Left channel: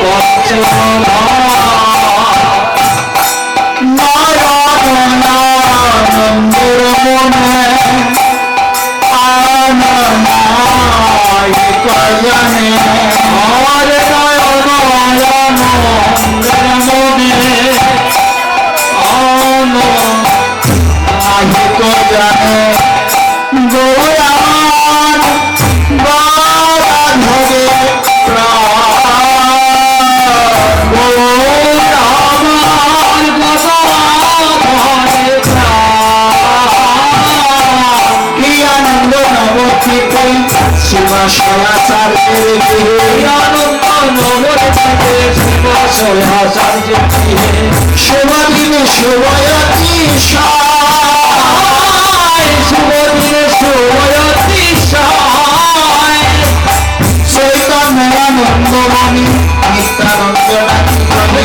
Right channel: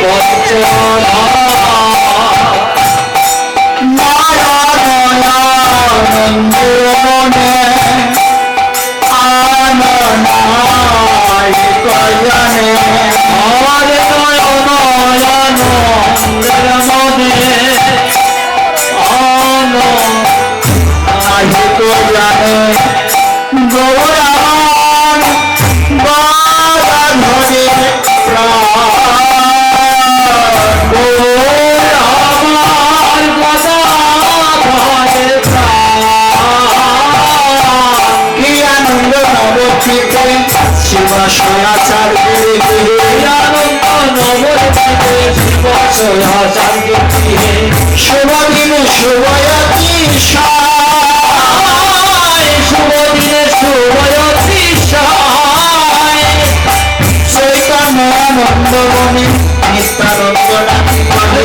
বঞ্চনা নয়নানন্দের মনে আননাই কয়নে আর নয়নানন্দের মনে আননাই কয়নে গৌরান বারাধরে প্রাণ গৌরামান বারাধরে প্রাণ কি আনন্দ নবদ্বীপে শিবশলাচার্যের গৃহে আনন্দ নবদ্বীপে শিবশলাচার্যের গৃহে শুভদিনে শুভয়তি শুভদিনে শুভয়তি চৈতন্যানন্দমণি নিত্যানন্দ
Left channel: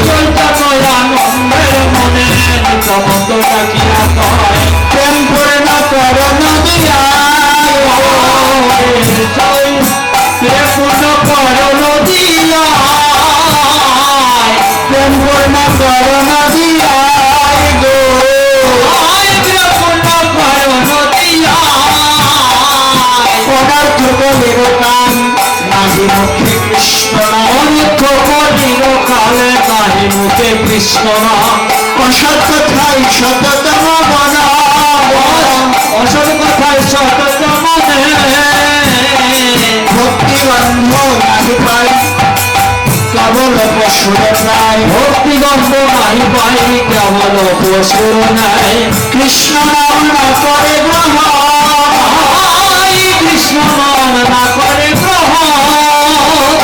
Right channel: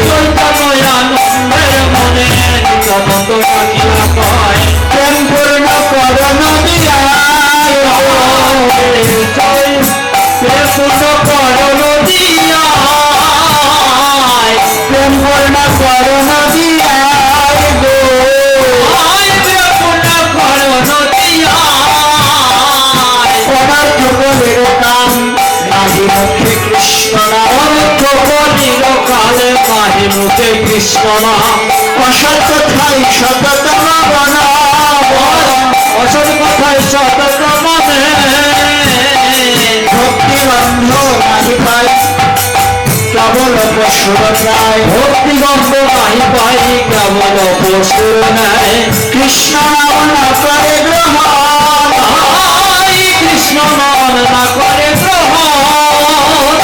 চৈতন্যানন্দের মনে নিত্যানন্দ ডাকিয়া কয় প্রেম পূর্ণ করণ দিয়া প্রেম পূর্ণ করণ দিয়া প্রেম পূর্ণ করণ দিয়া গো পদার্থ বলির কান নাহি মুখে কৃষ্ণ অর্থ বলির কালে নাহি মুখে কৃষ্ণ অসৎ কথাই সততম বনা অসৎ কথাই সততম ভক্তি বন্ধ নাহি পাই কেবল পশুর ন্যায় ভক্তি গন্ধ নাহি পাই কেবল পশুর ন্যায় কৃষ্ণ নাম না করে গ্রহণ কৃষ্ণ নাম না করে গ্রহণ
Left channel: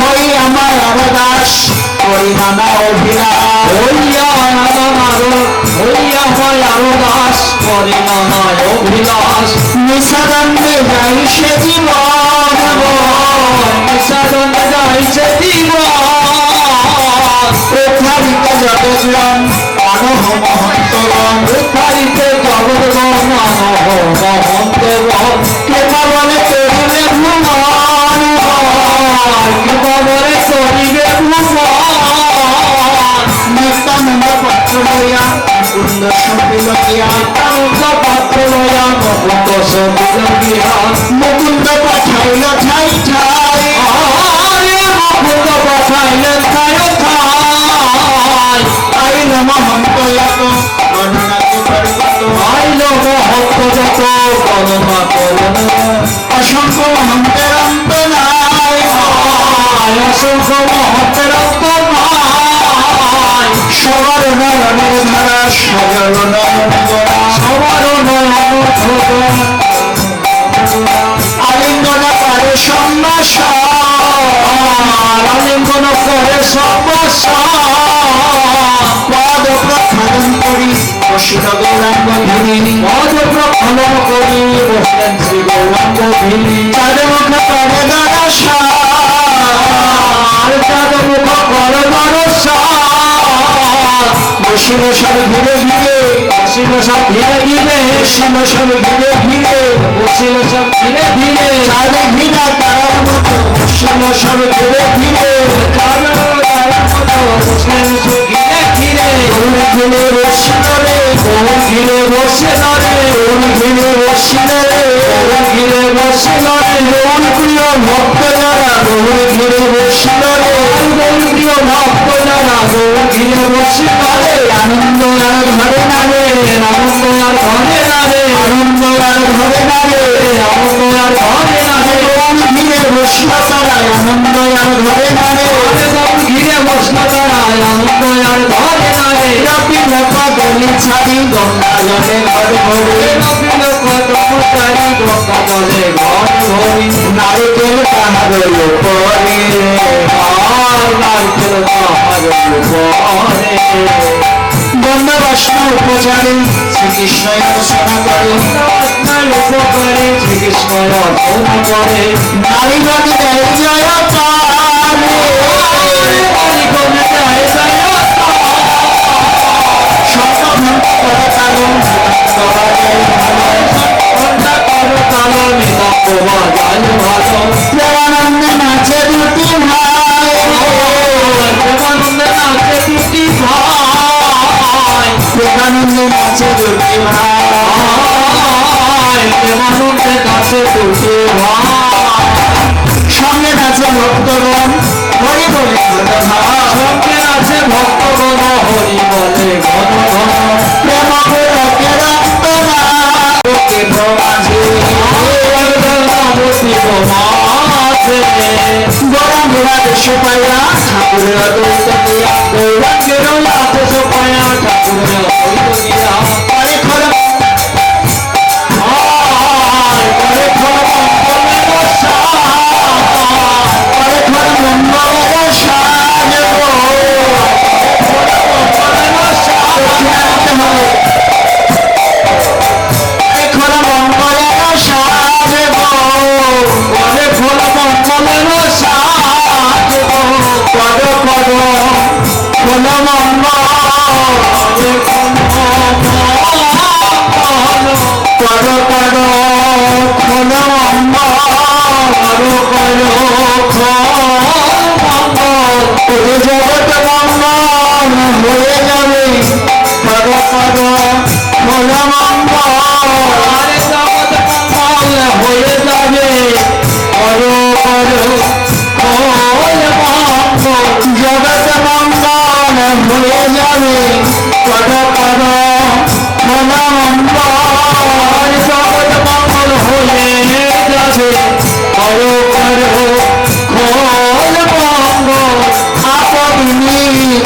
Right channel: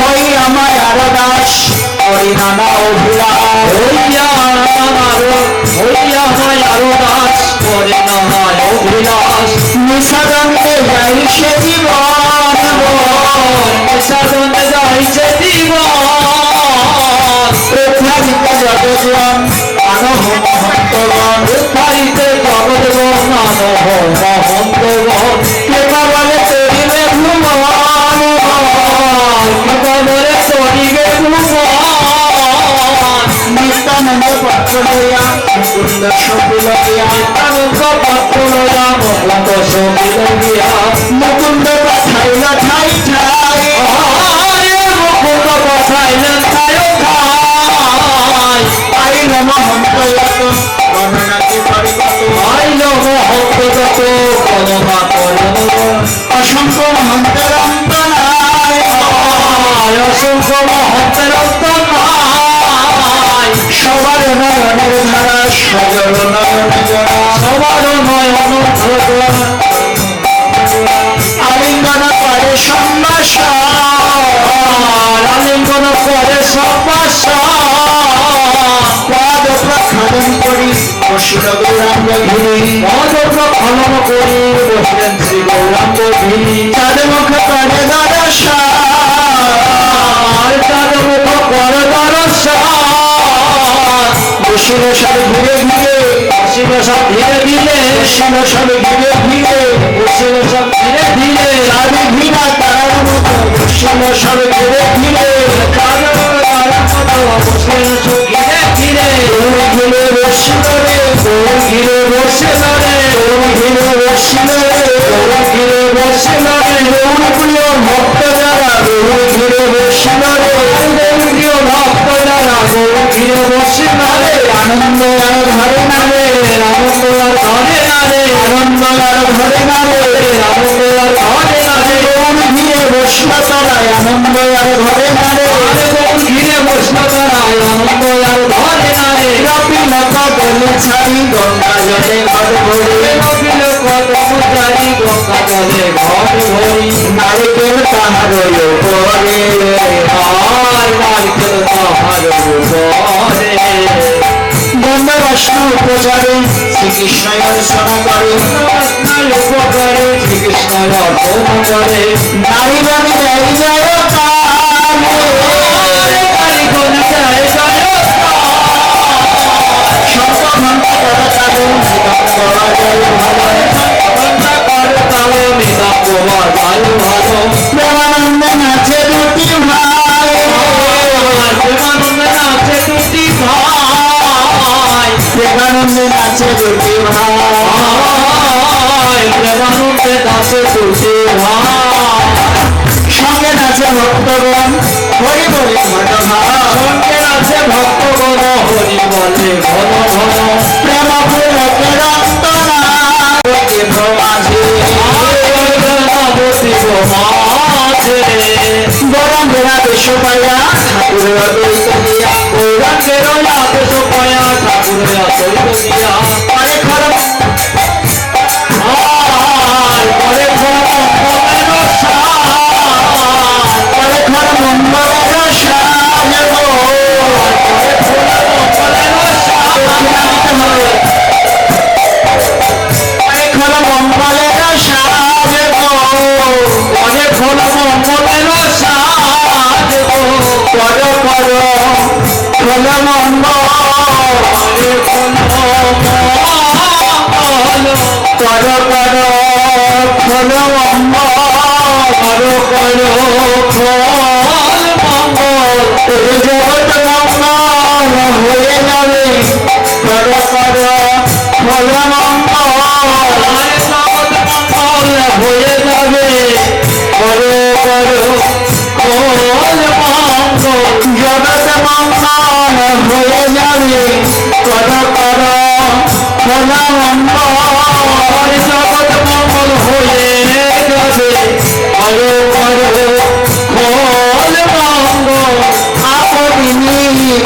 হই আমার আরদাস করি নানা অভিলাষ হইয়া হয় আরদাস করি নানা অভিলাষ নিঃসাদণ্ডে যাই সে জীবন নিঃসাদণ্ডে যাই সে জীবন প্রথারিত জগৎগণ মানব মহন্তগণ প্রথারিত জগৎগণ মানব মহন্তগণ কেবা বলে করিবে ভুবন কেবা বলে করিবে ভুবন নিত্যানন্দ পাত্র লইয়া মুকুন্দ সপিল গিয়া নিত্যানন্দ পাত্র লইয়া মুকুন্দ সপিল গিয়া মুকুন্দ পাঠাইল ঠাই ঠাই মুকুন্দ পাঠাইল ঠাই ঠাই আইল মহন্ত যত গণনা কি করিব আইল মহন্ত যত গণনা করিব অসংখ্য মহন্তের অন্ত নাই অসংখ্য মহন্তের অন্ত নাই সবার নয়নের ধারা সজল নয়ন গোড়া সবার নয়ন ধরা আলিঙ্গন করে সম্ভাষণ আলিঙ্গন করে সম্ভাষণ পদ প্রক্ষালন করি বসিল গৌরাঙ্গ ধীরে পদ প্রক্ষালন করি বসিলেন শ্রী গৌরাঙ্গ ধীরে চাঁদমুখ করে দর্শন চাঁদমুখ করে দর্শন বসিল সব ধীরে ধীরে বসিল সব ধীরে ধীরে বসিল সব ধীরে ধীরে বসিল সব ধীরে ধীরে চাঁদ ভিনা তারার মতো বসিল সব ধীরে ধীরে চাঁদ তারার মতো বসিল সব ধীরে ধীরে ধীরে বসিল রে ধীরে বসিল রে ধীরে বসিল রে ধীরে বসিল রে গৌর প্রিয় ভক্ত যারা ধীরে বসিল রে গৌর প্রিয় ভক্ত যারা ধীরে বসিল রে আনন্দ আর ধরে না রে আনন্দ আর ধরে না রে আনন্দ আর ধরে না রে আনন্দ আর ধরে না রে গৌর ধীরে বসিল তারা আনন্দ আর ধরে না রে গৌর ধীরে বসিল তারা আনন্দ আর ধরে না রে রাপিল কদম ছাড়ি গঙ্গা জলে ঘর ভরে রাপিল কদম ছাড়ি গঙ্গা জলে ঘর ভরি নারকেল তাহার উপরে নারকেল তাহার উপরে গন্ধ বৈষ্ণব উপচারে শ্রীকৃষ্ণ অর্চনা করে লোক করে শ্রীকৃষ্ণ অর্চনা করে নারীগণে দেয় জয় নারীগণে দেয় জয় শঙ্খ করা কালো প্রেমানন্দে নাচে দুটি ভাই প্রেমানন্দে নাচে দুটি ভাই, প্রেমানন্দে নাচে দুটি ভাই, সঙ্গে নাচে ভক্তগণ হরি বলে ঘন ঘন, সঙ্গে নাচে ভক্তগণ হরি বলে ঘন ঘন, প্রেম পুলকের অন্তরা দেব মাঝে গৌরাঙ্গেরা দেশ পাইয়া ঠাকুরেরা দৈত দিয়া, গৌরাঙ্গেরা দেশ পাইয়া ঠাকুরেরা দৈত দিয়া, করে খর করে খর মঙ্গলের সাজ, করে খর মঙ্গলের সাজ গো, মঙ্গলের সাজ করে খর মঙ্গলের সাজ গো, করে খর মঙ্গলের সাজ গো, কর কর খোল মঙ্গল, কর কর খোল মঙ্গল, কর খোল মঙ্গল, জগৎ মঙ্গল হয়ে যাবে, কর কর খোল মঙ্গল, জগৎ মঙ্গল হয়ে যাবে, কর কর খোল মঙ্গল, জগৎ মঙ্গল হয়ে যাবে, কর কর খোল মঙ্গল, জগৎ মঙ্গল হয়ে যাবে, কর কর খোল মঙ্গল, আপনি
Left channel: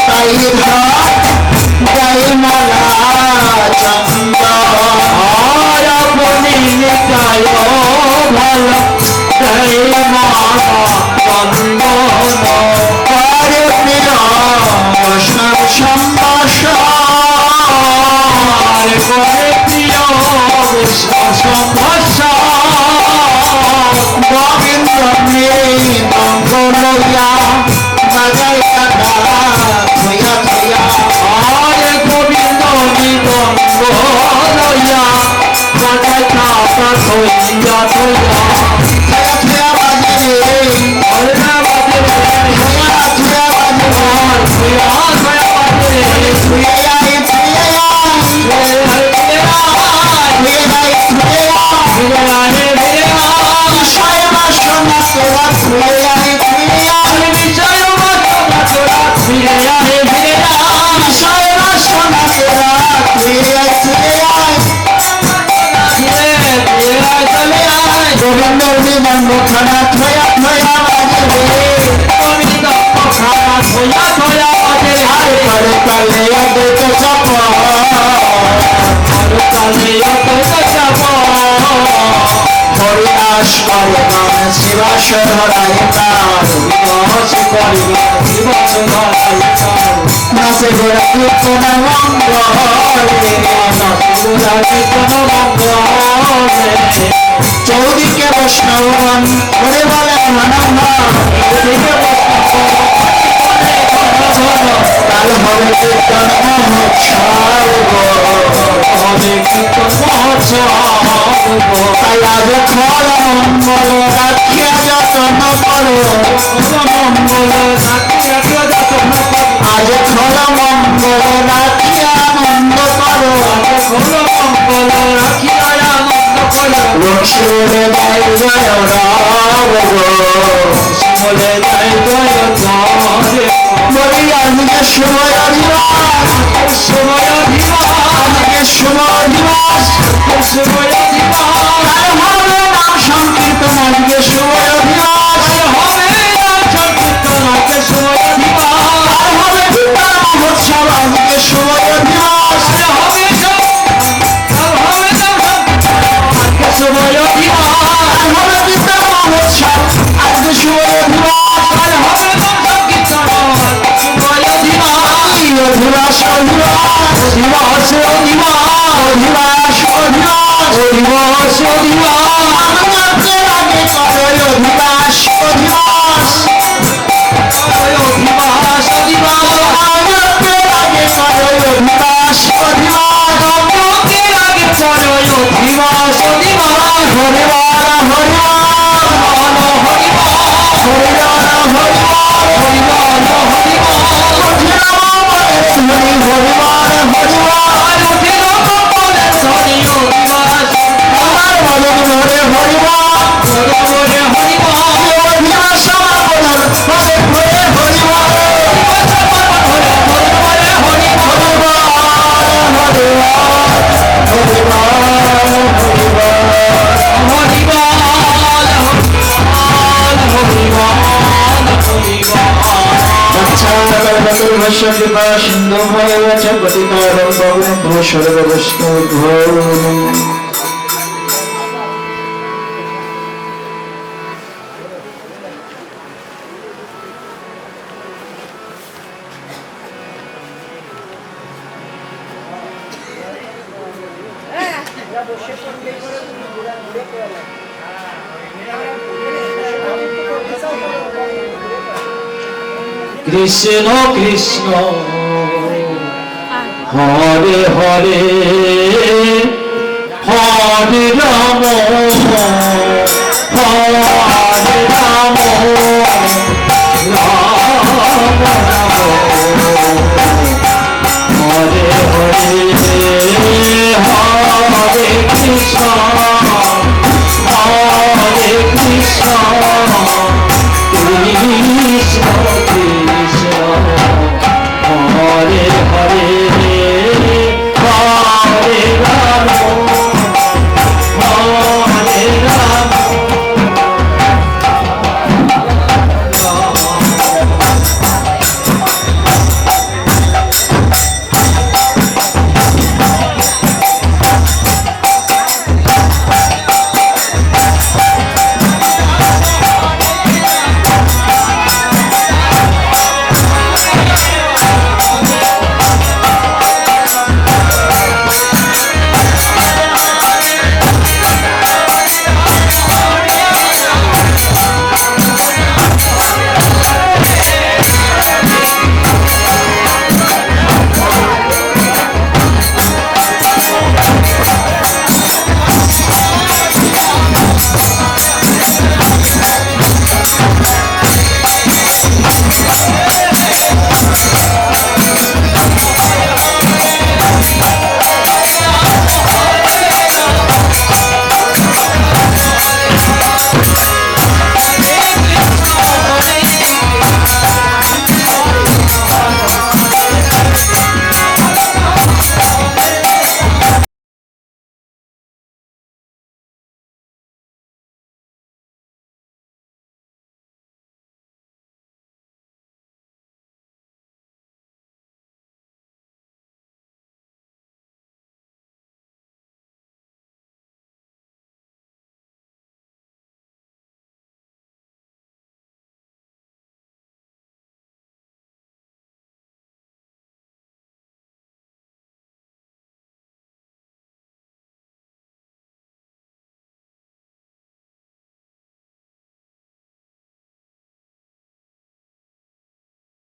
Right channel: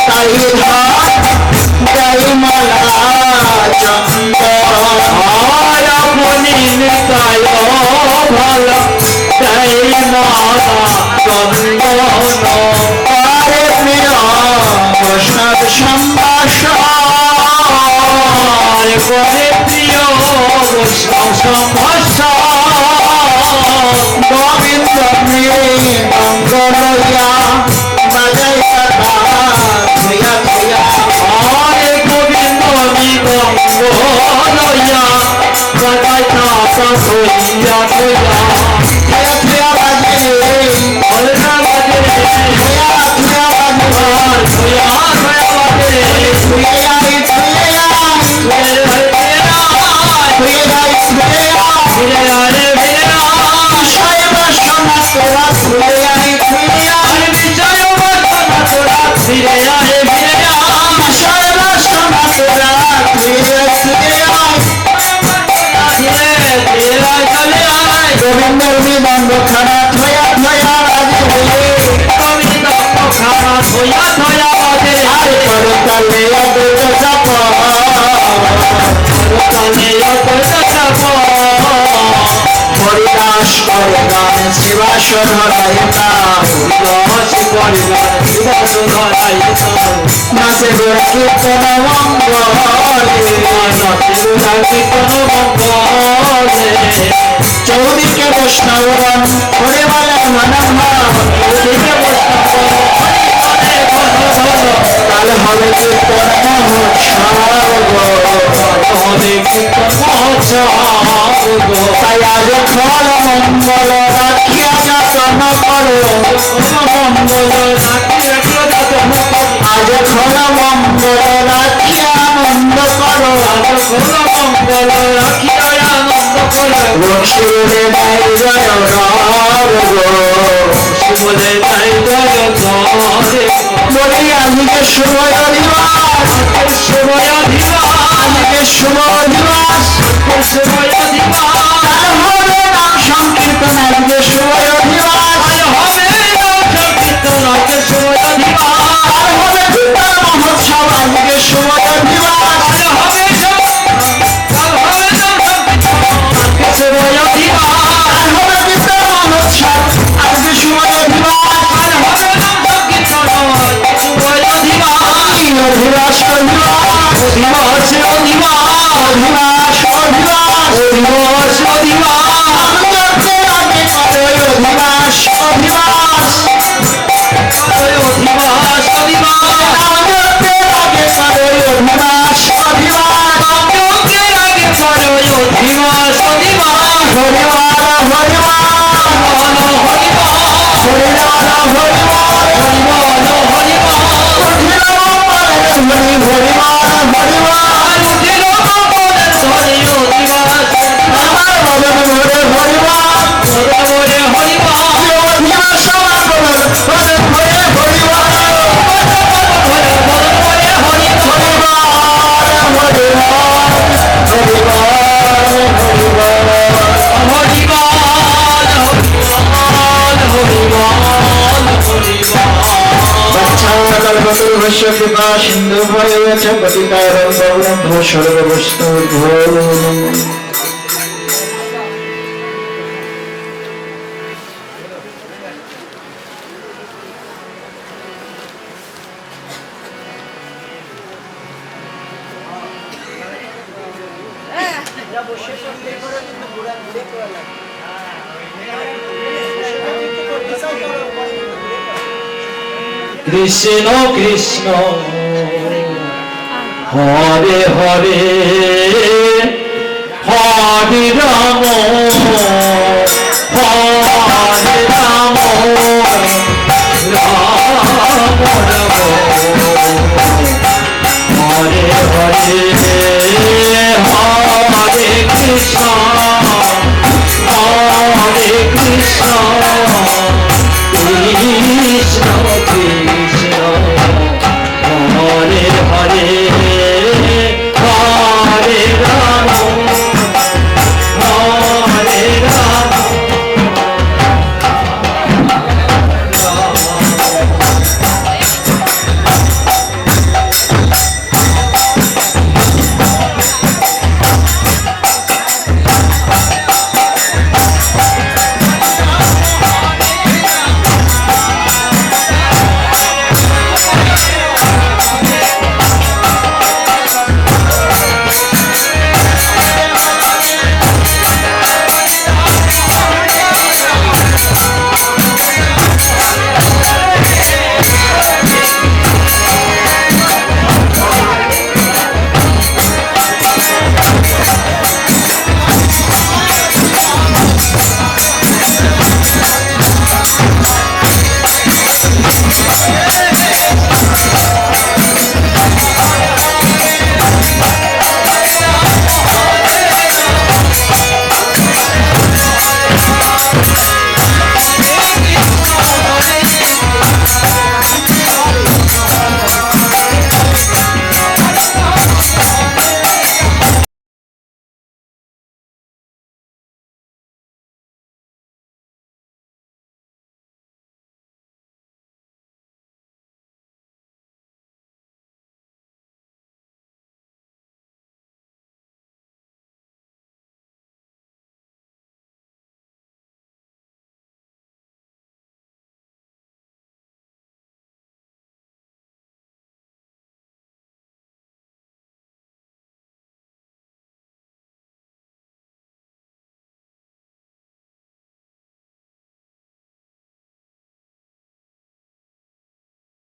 তাই ধার গাই মালা চন্দন, আপনি নিতায় ভালো গাই মালা চন্দন, করে প্রিয় বৈষ্ণব সম্ভাষণ, করে প্রিয় বৈষ্ণব সম্ভাষণ, গোবিন্দ মঙ্গলয়া বাজাই কাটা ধুয়া ধুয়া, আরে গোবিন্দ মঙ্গলয়া বাজাই কাটা ধুয়া ধুয়া, ধুয়া বাজে ধুয়া বাজে ধুয়া ধুয়া বাজে ধুয়া ধুয়া বাজে ধুয়া গোবিন্দের বিবঙ্গ খানা থয়া থয়া বাজবে, গোবিন্দ খানা থয়া থয়া বাজে, আর পরে কালে অদ্বৈত চাপ, আর কালে অদ্বৈত চাপ, হরিদাস করে গানে শিবাস ধরাই তার, হরিদাস করে গানে শিবাস ধরাই তার, নাচে গোড়া কীর্তন মঙ্গলে, নাচে গোড়া কীর্তন মঙ্গলে, চৌদিকে বৈষ্ণবগণ করে বলেন মনম্মা, চৌদিকে বৈষ্ণবগণ করে বলে ঘন ঘন, কাল হবে কীর্তন মহোৎসব গো, হবে কীর্তন মহোৎসব গো, তাই আজ খল মঙ্গল রাখিয়া যতন করো, মঙ্গল রাখিয়া যতন করো, আজ খল মঙ্গল রাখিয়া আনন্দ করো, আজ খল মঙ্গল রাখিয়া আনন্দ করো, শিবলে নাই জয় রাম গো, শিবলে নাই জয় রাম, বলি আজকে শুভ দিবস, শুভ দিবস, আজকে শুভ দিবস, শুভ দিবস, হবে নাম সংকীর্তন, আজকে শুভ দিবস, হবে নাম সংকীর্তন, আজকে শুভ দিবস, হবে কীর্তন মহোৎসব, আজকে শুভ দিবস, হবে শুভ দিবস, হবে কীর্তন মহোৎসব, আজকে শুভ দিবস, হবে নাম সংকীর্তন, শুভ দিবস, অধিবাস অধিবাস অধিবাস অধিবাস অধিবাস অধিবাস অধিবাস, আমাদের আগে করো অধিবাস অধিবাস, অধিবাস অধিবাস, আমাদের আগে করো অধিবাস অধিবাস, আমাদের আগে করো অধিবাস অধিবাস, হরে বারা হরে বারা হরে বারা হরে বারা হরে বারা হরে বারা, হরি হরি হরি হরি কৃপা সিন্ধু ভয় পতিতারণ পাবনেভ্যো সর্ববৈষ্ণবেভ্যো। কৃষ্ণ কৃষ্ণ হরে হরে হরে রাম রাম রাম